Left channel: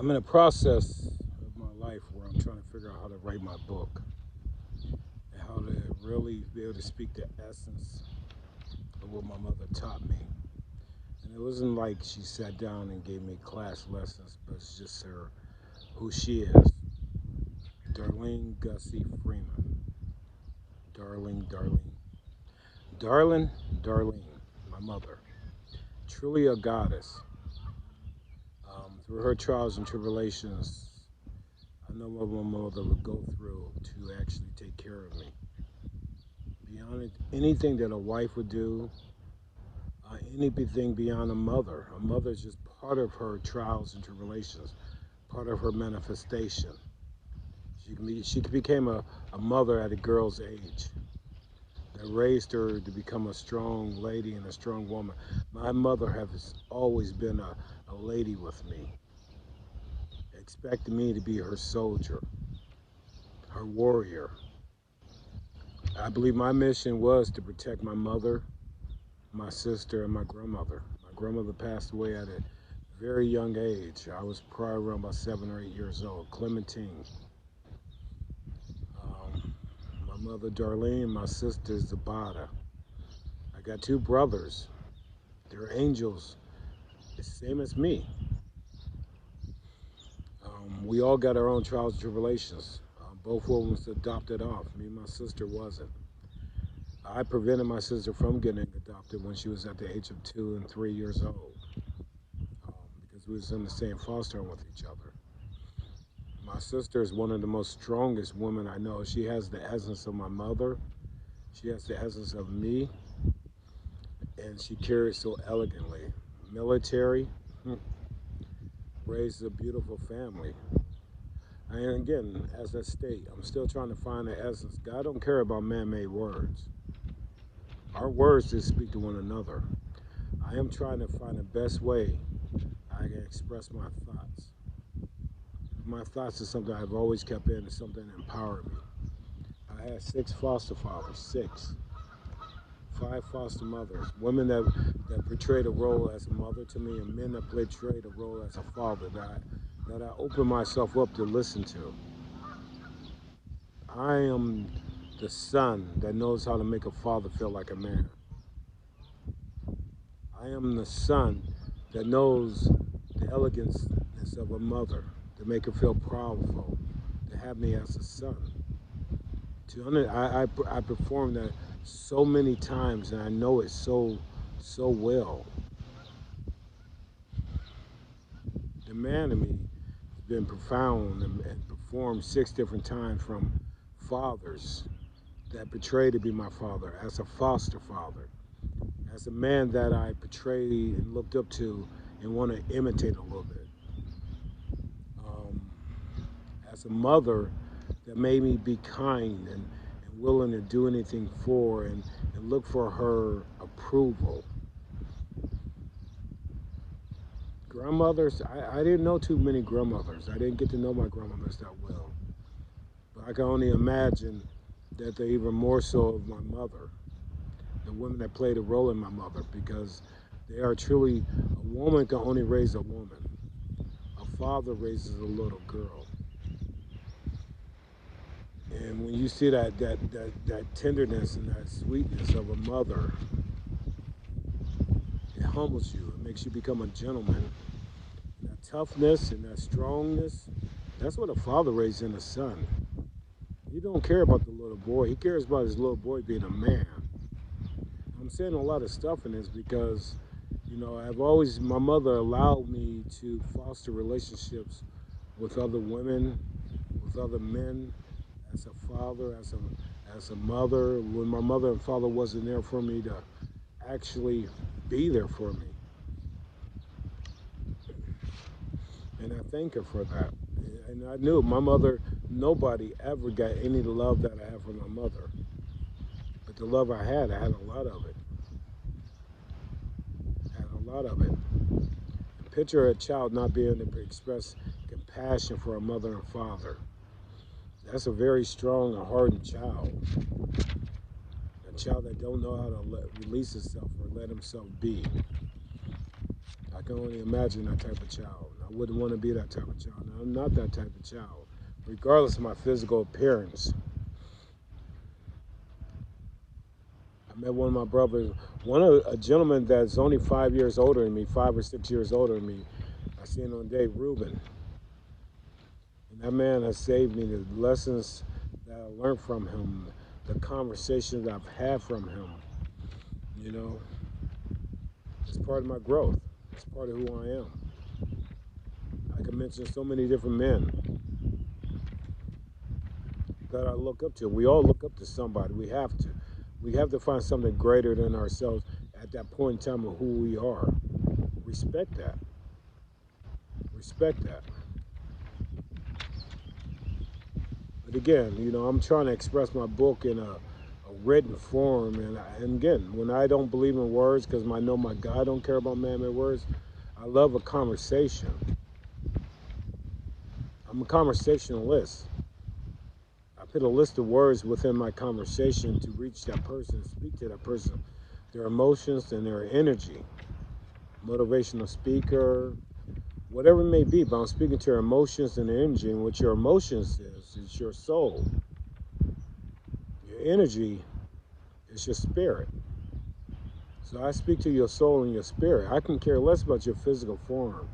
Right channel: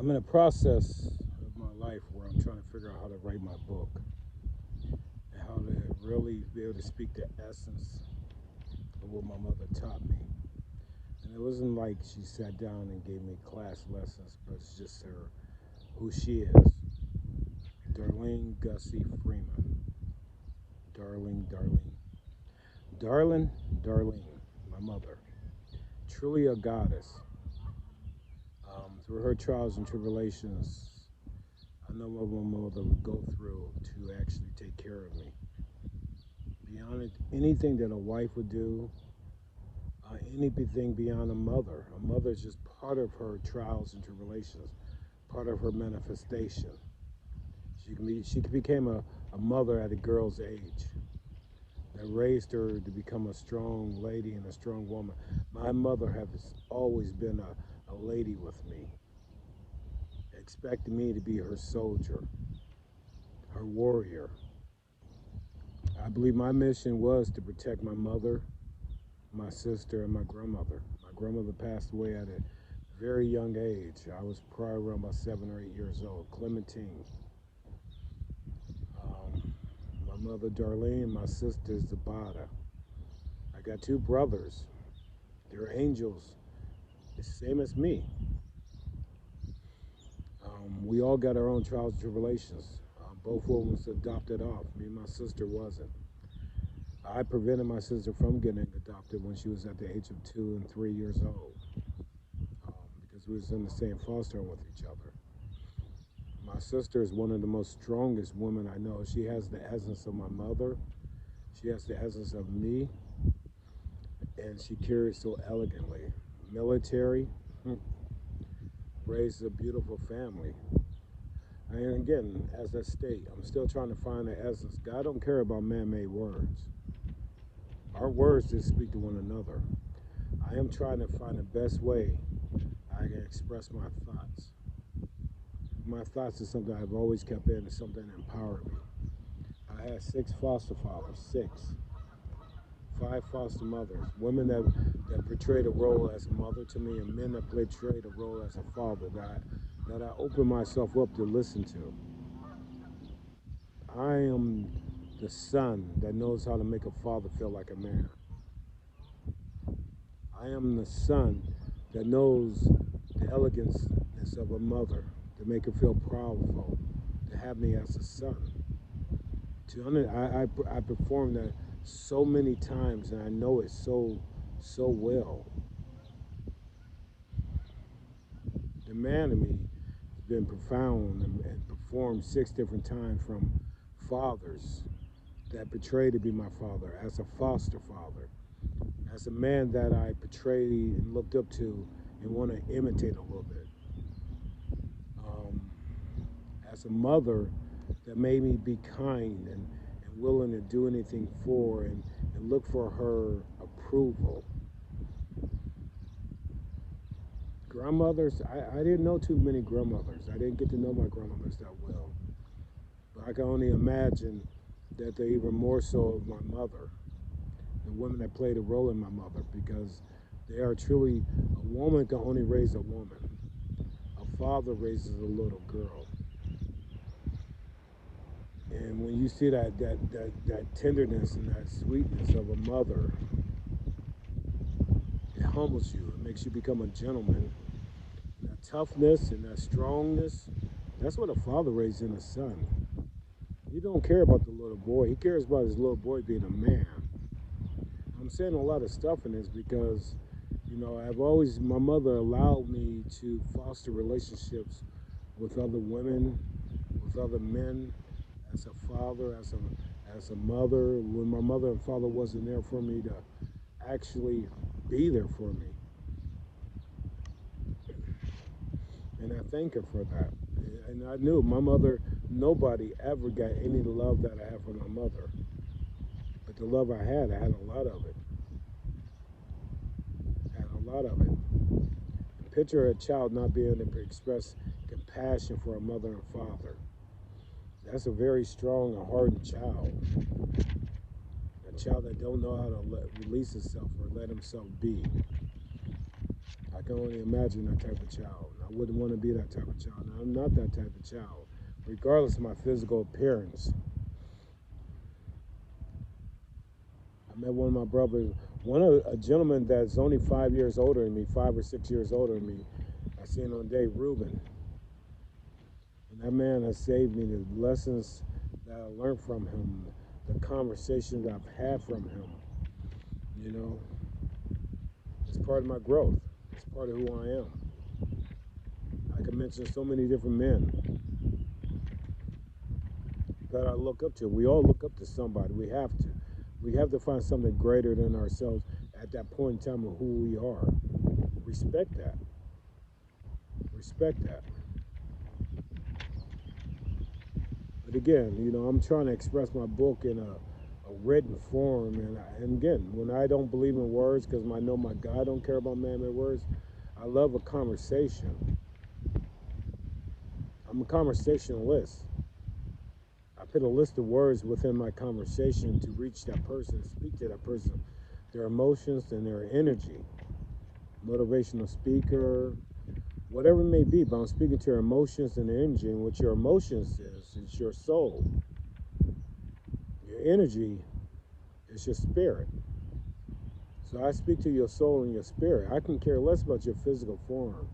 I'm in a process of my life where I'm trying to figure out how to write my book and how to really be able to speak the essence of what my mother taught me. And it wasn't like she sat down and gave me class lessons, but it's just who she is. Darlene Gussie Freeman. Darlene. Darlene, my mother. Truly a goddess. Through her trials and tribulations, I know what my mother would go through to actually take care of me. Beyond anything that a wife would do, anything beyond a mother. A mother is just part of her trials and tribulations, part of her manifestation. She became a mother at a girl's age that raised her to become a strong lady and a strong woman. My mother has always been a lady with me, expecting me to be her soldier, her warrior. I believe my mission was to protect my mother, my sister, and my grandmother. My grandmother passed away at a very young age. I was probably around about 7 or 8 years old. Clementine. My mother, Darlene, my sister, Zabata. I got 2 brothers. They're angels, the same as me. We all got our own trials and tribulations. Both of them was adopted off. Me and my sister wasn't. I prevented my sister from getting adopted when she was at the age of 2 and 3 years old, because we was in the same foster home with each other. My sister is one of the most strongest women I know. She has the essence of my mother. She has the essence of me, and she carries so elegantly. Military, raised a beautiful family. And again, as I state, I'm still trying to find the essence. God don't care about man-made words. Our words just speak to one another. I am trying to find the best way I can express my thoughts. My thoughts is something I've always kept in. It's something that empowered me. I had 6 foster fathers, 6. 5 foster mothers, women that portrayed a role as a mother to me, and men that portrayed a role as a father that I opened myself up to listen to. I am the son that knows how to make a father feel like a man. I am the son that knows the elegance of a mother, to make her feel proudful, to have me as a son. I perform that so many times, and I know it so well. The man in me has been profound and performed 6 different times, from fathers that portray to be my father, as a foster father, as a man that I portrayed and looked up to and want to imitate a little bit, as a mother that made me be kind and willing to do anything for and look for her approval. Grandmothers, I didn't know too many grandmothers. I didn't get to know my grandmothers that well. But I can only imagine that they're even more so of my mother, the women that played a role in my mother, because they are truly, a woman can only raise a woman. A father raises a little girl. And when you see that tenderness and that sweetness of a mother, it humbles you. It makes you become a gentleman. And that toughness and that strongness, that's what a father raises in a son. He don't care about the little boy. He cares about his little boy being a man. I'm saying a lot of stuff in this because, my mother allowed me to foster relationships with other women, with other men, as a father, as a mother, when my mother and father wasn't there for me to actually be there for me. And I thank her for that. And I knew my mother, nobody ever got any love that I had from my mother. But the love I had a lot of it. And picture a child not being able to express compassion for a mother and father. That's a very strong and hardened child. A child that don't know how to release himself or let himself be. I can only imagine that type of child. I wouldn't want to be that type of child. Now, I'm not that type of child, regardless of my physical appearance. I met one of my brothers, a gentleman that's only 5 years older than me, 5 or 6 years older than me. I seen him one day, Reuben. And that man has saved me. The lessons that I learned from him, the conversations I've had from him, you know, it's part of my growth. It's part of who I am. I can mention so many different men that I look up to. We all look up to somebody. We have to. We have to find something greater than ourselves at that point in time of who we are. Respect that. Respect that. But again, you know, I'm trying to express my book in a written form. And again, when I don't believe in words, because I know my God don't care about man-made words, I love a conversation. I'm a conversationalist. I put a list of words within my conversation to reach that person, speak to that person, their emotions and their energy. Motivational speaker, whatever it may be, but I'm speaking to your emotions and energy. And what your emotions is your soul. Your energy is your spirit. So I speak to your soul and your spirit. I can care less about your physical form.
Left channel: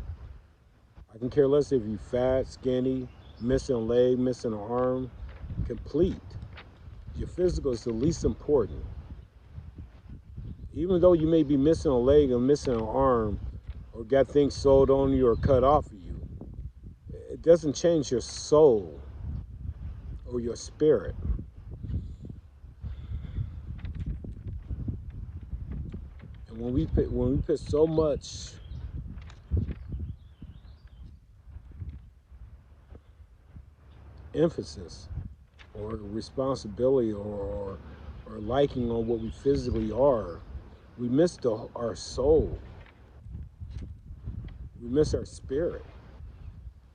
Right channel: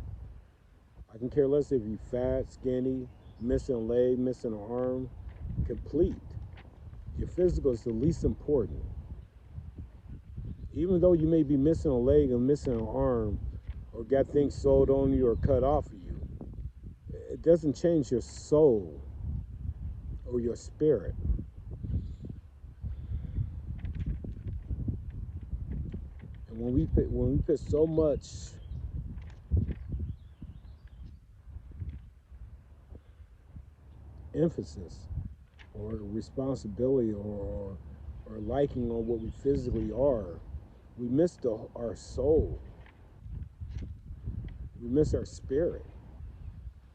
I can care less if you're fat, skinny, missing a leg, missing an arm, complete. Your physical is the least important. Even though you may be missing a leg or missing an arm, or got things sewed on you or cut off of you, it doesn't change your soul or your spirit. And when we put so much emphasis or responsibility or liking on what we physically are, we miss our soul. We miss our spirit.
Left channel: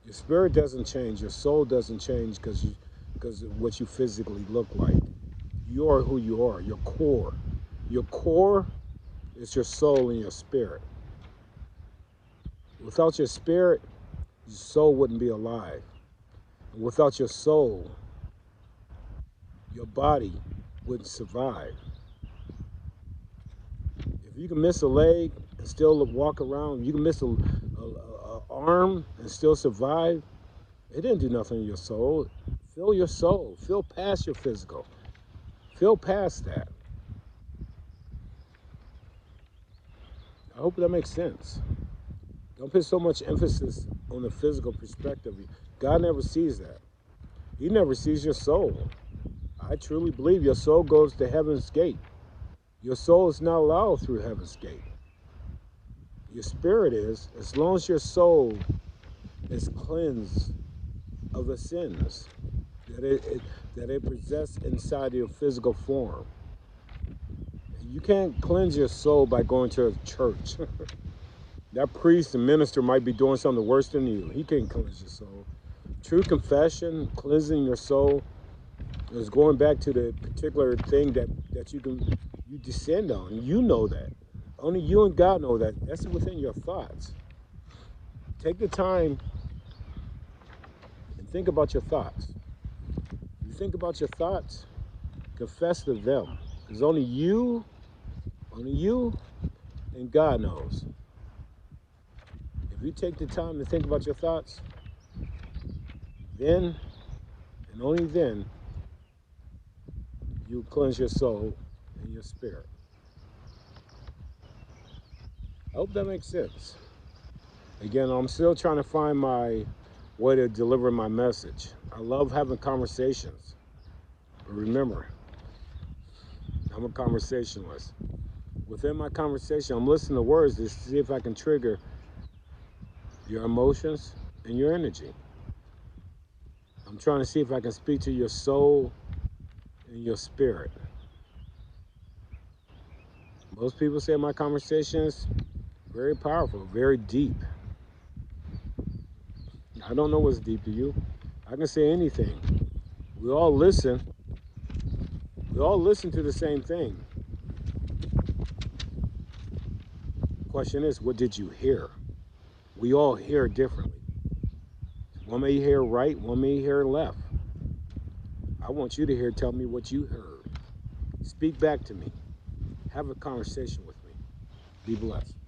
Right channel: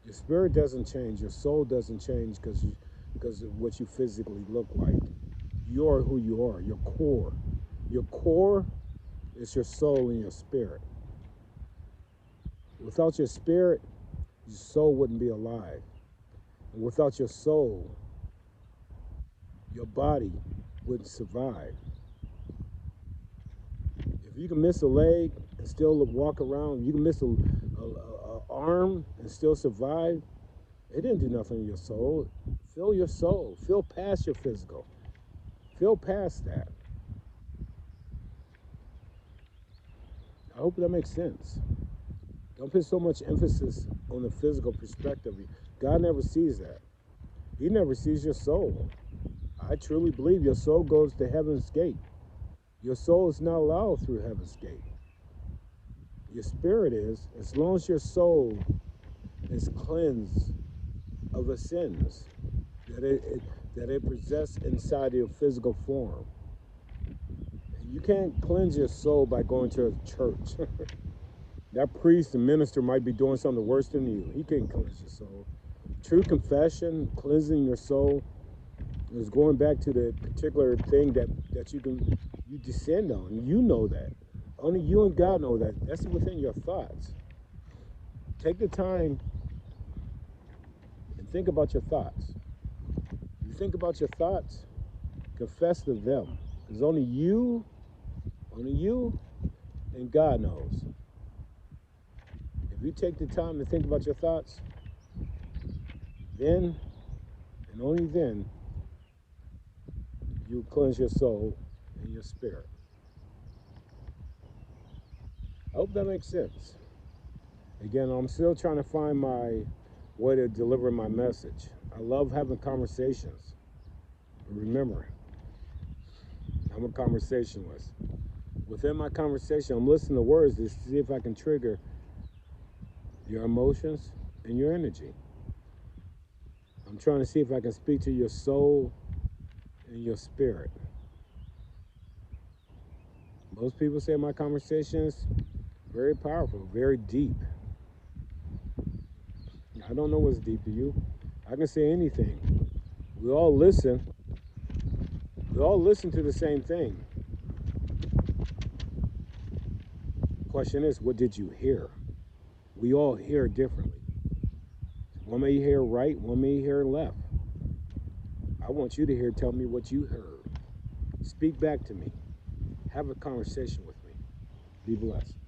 Your spirit doesn't change. Your soul doesn't change because of what you physically look like. You're who you are. Your core. Your core is your soul and your spirit. Without your spirit, your soul wouldn't be alive. And without your soul, your body wouldn't survive. If you can miss a leg and still walk around, you can miss a arm and still survive, it didn't do nothing to your soul. Feel your soul. Feel past your physical. Feel past that. I hope that makes sense. Don't put so much emphasis on the physical perspective. God never sees that. He never sees your soul. I truly believe your soul goes to heaven's gate. Your soul is not allowed through heaven's gate. Your spirit is, as long as your soul is cleansed of the sins that it possesses inside your physical form. You can't cleanse your soul by going to a church. That priest and minister might be doing something worse than you. He can't cleanse your soul. True confession, cleansing your soul, is going back to the particular thing that you descend on. You know that. Only you and God know that. That's within your thoughts. Take the time and think about your thoughts. You think about your thoughts, confess to them. Because only you and God knows. If you take the time to think about your thoughts, then and only then you cleanse your soul and your spirit. I hope that makes sense. Again, I'm still trying to find my way to deliver my message. I love having conversations. But remember, I'm a conversationalist. Within my conversation, I'm listening to words to see if I can trigger your emotions and your energy. I'm trying to see if I can speak to your soul and your spirit. Most people say my conversations very powerful, very deep. I don't know what's deep to you. I can say anything. We all listen. We all listen to the same thing. question is, what did you hear? We all hear differently. One may hear right, one may hear left. I want you to hear, tell me what you heard. Speak back to me. Have a conversation with me. Be blessed.